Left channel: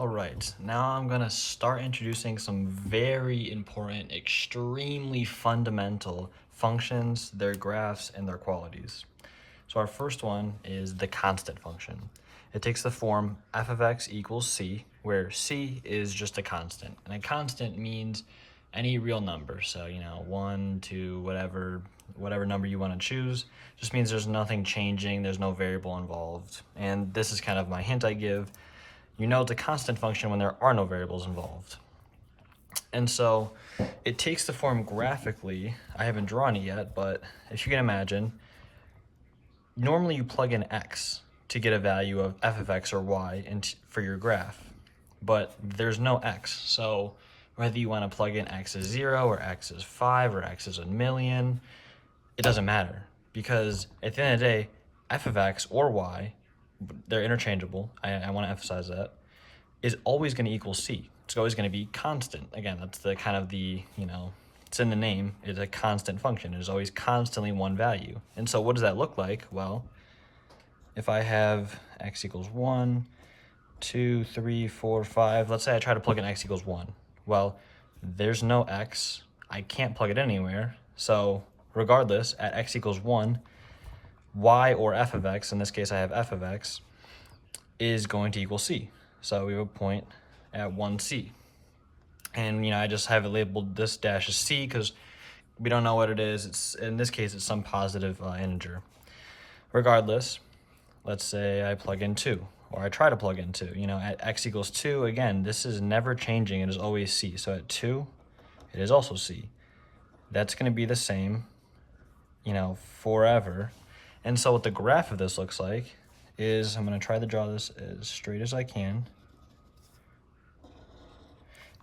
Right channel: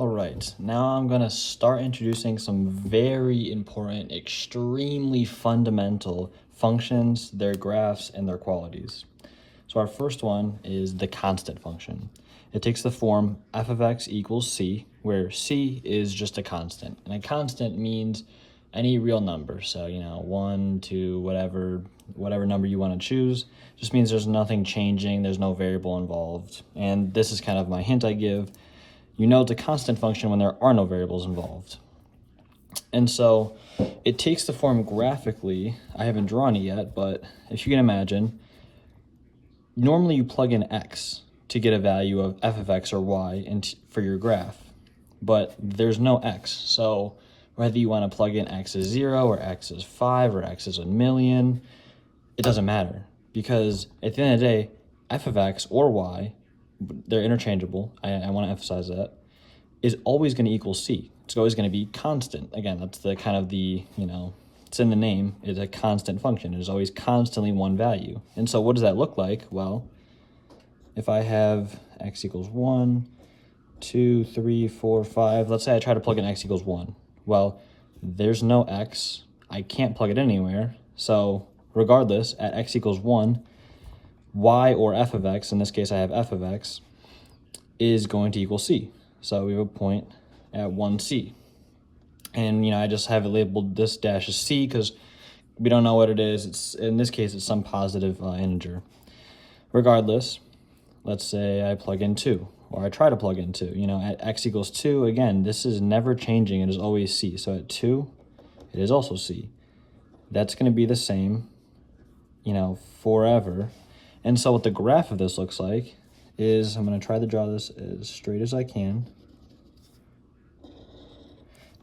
All right, now I'm gonna start introducing some very important, extremely fundamental functions, their graphs, and their qualities. So our first one is the constant function. It takes the form f of x equals c, where c is just a constant. And a constant means any real number. So, 1, 2, whatever number you want to choose, just means there's nothing changing, there's no variable involved. And this is kind of my hint I give. You know it's a constant function when there are no variables involved. And so it takes the form graphically. I haven't drawn it yet, but if you can imagine, normally you plug in x to get a value of f of x or y for your graph, but there's no x. So whether you want to plug in x is 0 or x is 5 or x is a million, it doesn't matter, because at the end of the day, f of x or y, they're interchangeable, I want to emphasize that, is always going to equal c. It's always going to be constant. Again, that's the kind of the, it's in the name, it's a constant function. It is always constantly one value. And so what does that look like? Well, if I have x equals 1, 2, 3, 4, 5, let's say I try to plug in x equals 1. Well, there's no x, I can't plug it anywhere, so regardless, at x equals 1, y or f of x, in this case I have f of x, is going to equal c. So we have a point at 1c. And I just have it labeled this dash as c because we don't know what it is. It's, in this case, it's some positive integer. Regardless, let's say I plug in 2, or I try to plug in 2. At x equals 2, again, this is never changing. It is always c. So at 2, it is also c. That's going to be the same, forever. And so what the graph of this looks like is, I'm going to try to draw this as straight as I can.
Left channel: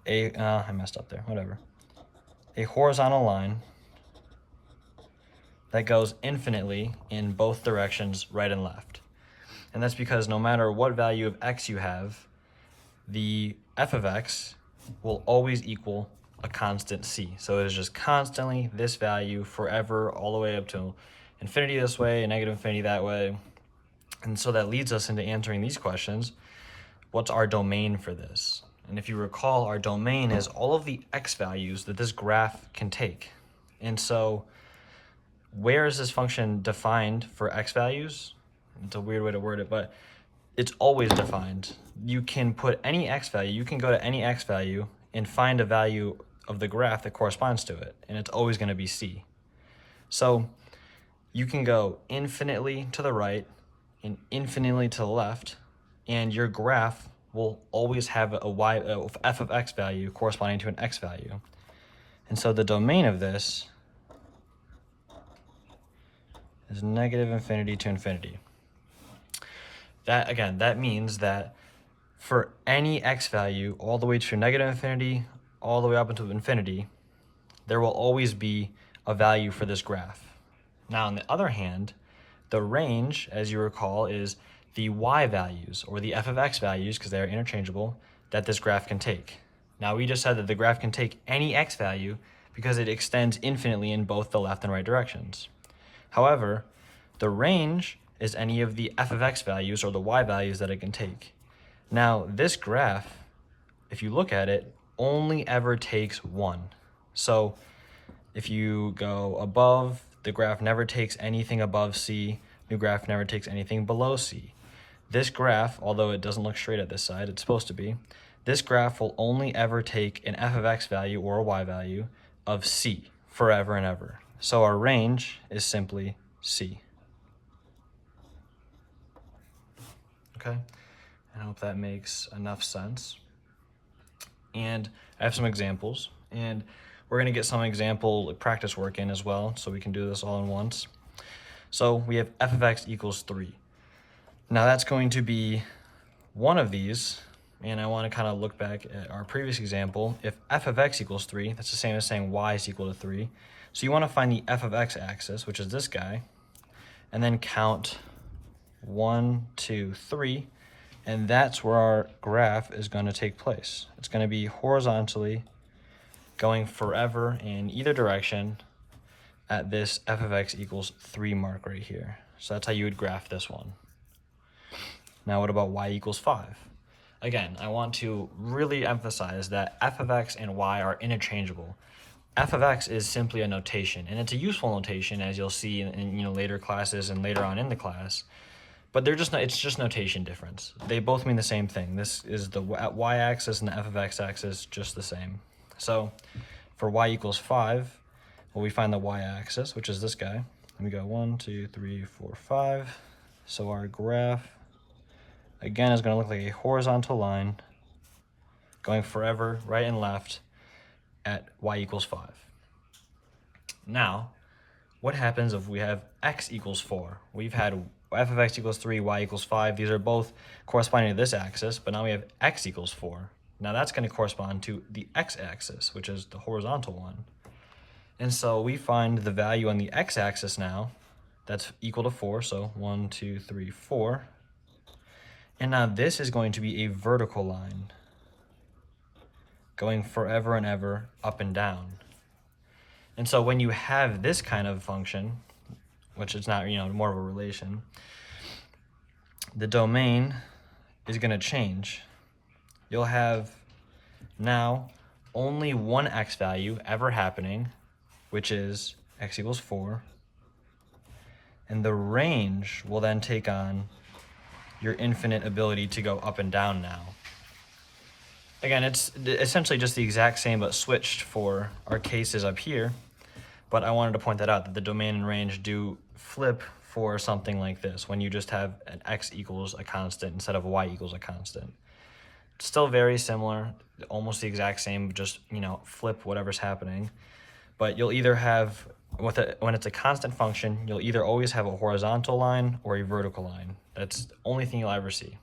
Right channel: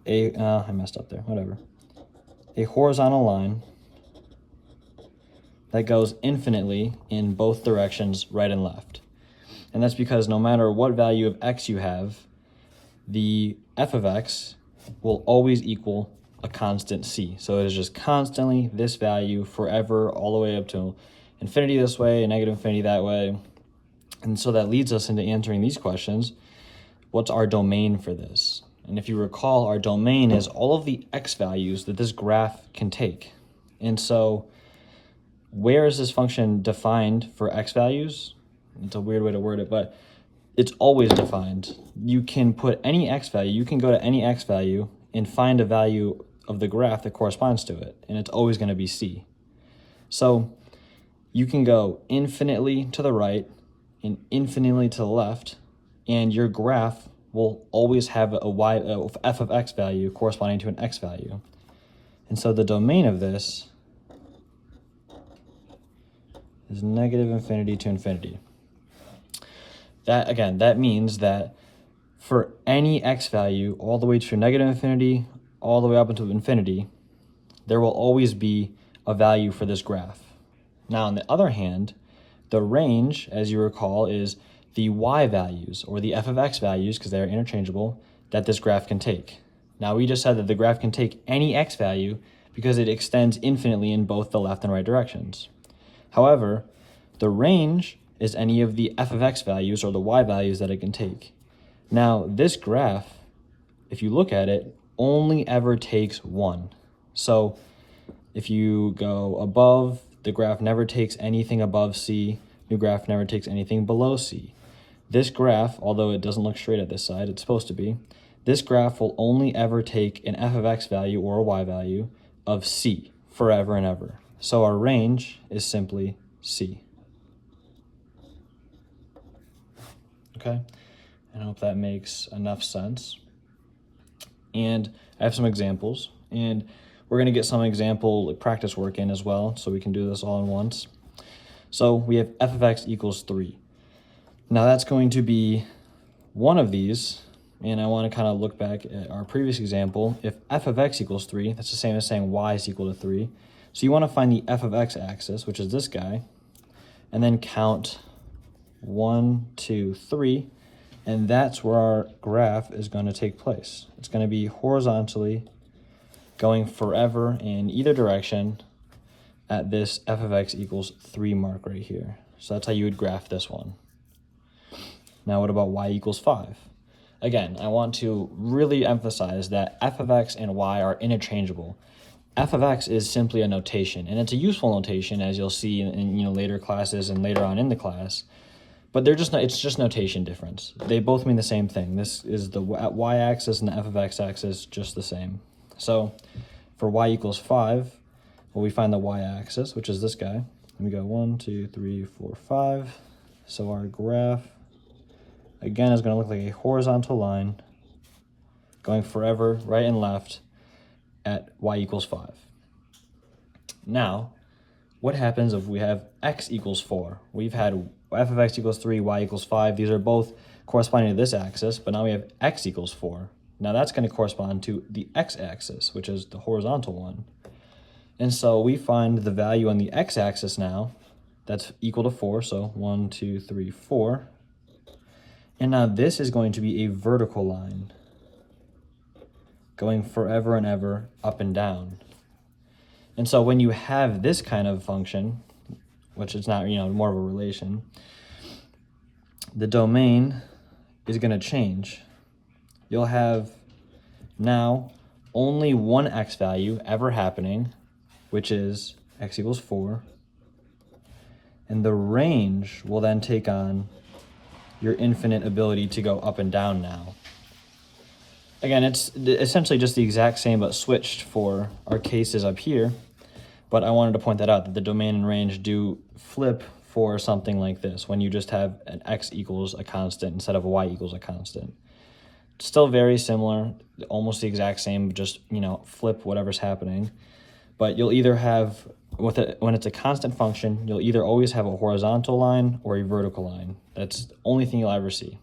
I messed up there, whatever. A horizontal line that goes infinitely in both directions, right and left. And that's because no matter what value of x you have, the f of x will always equal a constant c. So it is just constantly this value forever, all the way up to infinity this way and negative infinity that way. And so that leads us into answering these questions. What's our domain for this? And if you recall, our domain is all of the x values that this graph can take. And so where is this function defined for x values? It's a weird way to word it, but it's always defined. You can put any x value, you can go to any x value and find a value of the graph that corresponds to it, and it's always going to be c. So you can go infinitely to the right and infinitely to the left, and your graph will always have a f of x value corresponding to an x value. And so the domain of this is negative infinity to infinity. That means that for any x value all the way to negative infinity, all the way up into infinity, there will always be a value for this graph. Now, on the other hand, the range, as you recall, is the y values, or the f of x values, because they are interchangeable, that this graph can take. Now, we just said that the graph can take any x value because it extends infinitely in both the left and right directions. However, the range is any of the f of x values or the y values that it can take. Now, this graph, if you look at it, only ever takes 1. So if you go above, the graph never takes anything above c, the graph never takes anything below c. This graph, although it doesn't look straight at this side, it's supposed to be, this graph will only ever take an f of x value or a y value of c forever and ever. So our range is simply c. Okay, I hope that makes enough sense. And I have some examples, and we're gonna get some example practice work in as well, so we can do this all in once. So we have f of x equals 3. Now that's going to be one of these, and I want to kind of look back at our previous example. If f of x equals 3, that's the same as saying y is equal to 3. So you want to find the f of x axis, which is this guy, and then count 1, 2, 3, and that's where our graph is going to take place. It's going to be horizontally going forever in either direction at this f of x equals 3 mark right here. So that's how you would graph this one. Now what about y equals 5? Again, I want to really emphasize that f of x and y are interchangeable. F of x is simply a notation, and it's a useful notation, as you'll see in later classes and later on in the class. But they're just it's just notation difference. They both mean the same thing. This is the y-axis and the f of x-axis, just the same. So for y equals 5, well, we find the y-axis, which is this guy. And we go 1, 2, 3, 4, 5. So our graph, again, is going to look like a horizontal line going forever right and left at y equals 5. Now, what happens if we have x equals 4? We've had f of x equals 3, y equals 5. These are both corresponding to this axis, but now we have x equals 4. Now that's going to correspond to the x-axis, which is the horizontal one. And so we find the value on the x-axis now, that's equal to 4, so 1, 2, 3, 4. And now this is going to be a vertical line going forever and ever up and down. And so when you have this kind of function, which is not, more of a relation, the domain is going to change. You'll have now only one x value ever happening, which is x equals 4. And the range will then take on your infinite ability to go up and down now. Again, it's essentially just the exact same but switched for our cases up here. But I wanted to point that out, that the domain and range do flip for something like this, when you just have an x equals a constant instead of a y equals a constant. Still very similar, almost the exact same, just, flip whatever's happening. But you'll either have, when it's a constant function, you'll either always have a horizontal line or a vertical line. That's the only thing you'll ever see.